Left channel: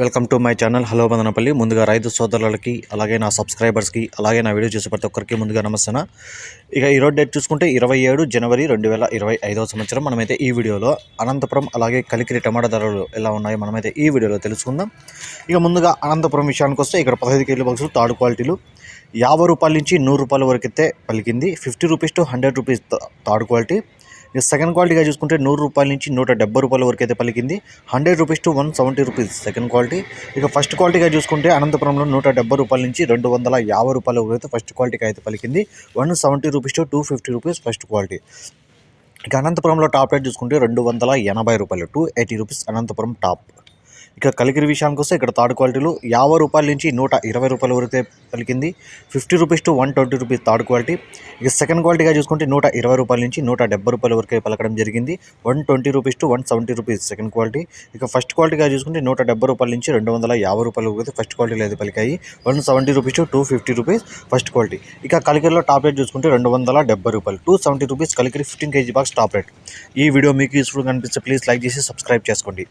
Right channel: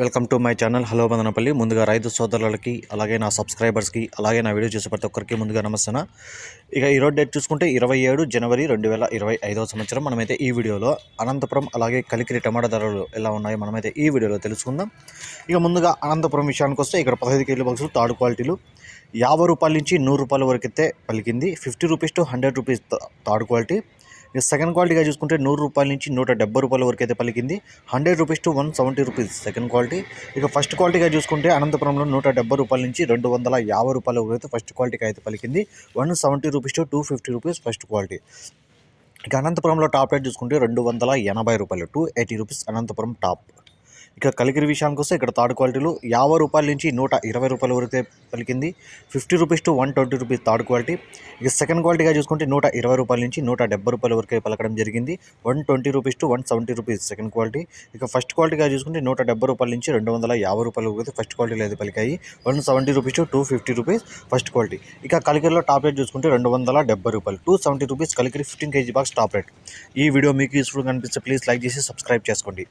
Welcome to my channel. Hello Madanapalle ముందుగా రైతు సోదరులకి అలాగే నా సబ్స్క్రైబర్స్కి అలాగే నా వీడియో చూసే ప్రతి ఒక్కరికి ముందుగా నమస్తేన ఇక ఈరోజు డేట్ చూసుకుంటే ఇరవై ఏడు జనవరి రెండు వేల ఇరవై ఐదవ సంవత్సరం. మనమైతే ఈ వీడియోలో అనంతపురం అలాగే కలికిరి టమాటా ధరలు ఎలా ఉన్నాయో మనమైతే ఈ వీడియోలో తెలుసుకుందాం. ఇక ముందుగా అనంతపురం విషయానికి వస్తే ఇక్కడ పదహైదు కేజీల బాక్సులు తాడు క్వాలిటీలు. యాభై రూపాయల నుంచి నూరు రూపాయల వరకు అయితే పలికింది. Fifty rupees to hundred rupees third quality. ఇక సెకండ్ క్వాలిటీగా చూసుకుంటే నూరు రూపాయల నుంచి నూట డెబ్బై రూపాయల వరకు అయితే పలికింది. Hundred rupees to one seventy rupees second quality ఇక ఫస్ట్ క్వాలిటీగా చూసుకుంటే అనంతపురంలో నూట డెబ్బై రూపాయల నుంచి రెండు వందల యాభై రూపాయల వరకు అయితే ఫస్ట్ క్వాలిటీకి అయితే పలికింది. One seventy rupees to two fifty rupees first quality ఇక అనంతపురంలో టాప్ రేట్ చూసుకుంటే రెండు వందల ఎనభై రూపాయలు two eighty rupees Anantapuram top ఇక కలికిరి విషయానికి వస్తే ఇక్కడ థర్డ్ క్వాలిటీలో యాభై రూపాయల నుంచి నూట ఇరవై రూపాయల వరకు పలికింది. Fifty rupees to one twenty rupees third quality. ఇక సెకండ్ క్వాలిటీగా చూసుకుంటే నూట ఇరవై రూపాయల నుంచి నూట డెబ్బై రూపాయల వరకు పలకడం జరిగింది. One twenty rupees to one seventy rupees second quality. ఇక ఫస్ట్ క్వాలిటీగా చూసుకుంటే నూట డెబ్బై రూపాయల నుంచి రెండు వందల యాభై రూపాయల వరకు అయితే ఫస్ట్ క్వాలిటీలో అయితే పలికాయి. One seventy rupees to two fifty rupees first quality. ఇక కలికిరిలో టాప్ రేట్ చూసుకుంటే రెండు వందల డెబ్బై రూపాయలు. Two seventy rupees Kalikiri fifteen KG box top rate. ఈ వీడియో మీకు యూస్ఫుల్ కనిపిస్తే ప్లీజ్ లైక్ చేసి సబ్స్క్రైబ్ చేసుకోండి.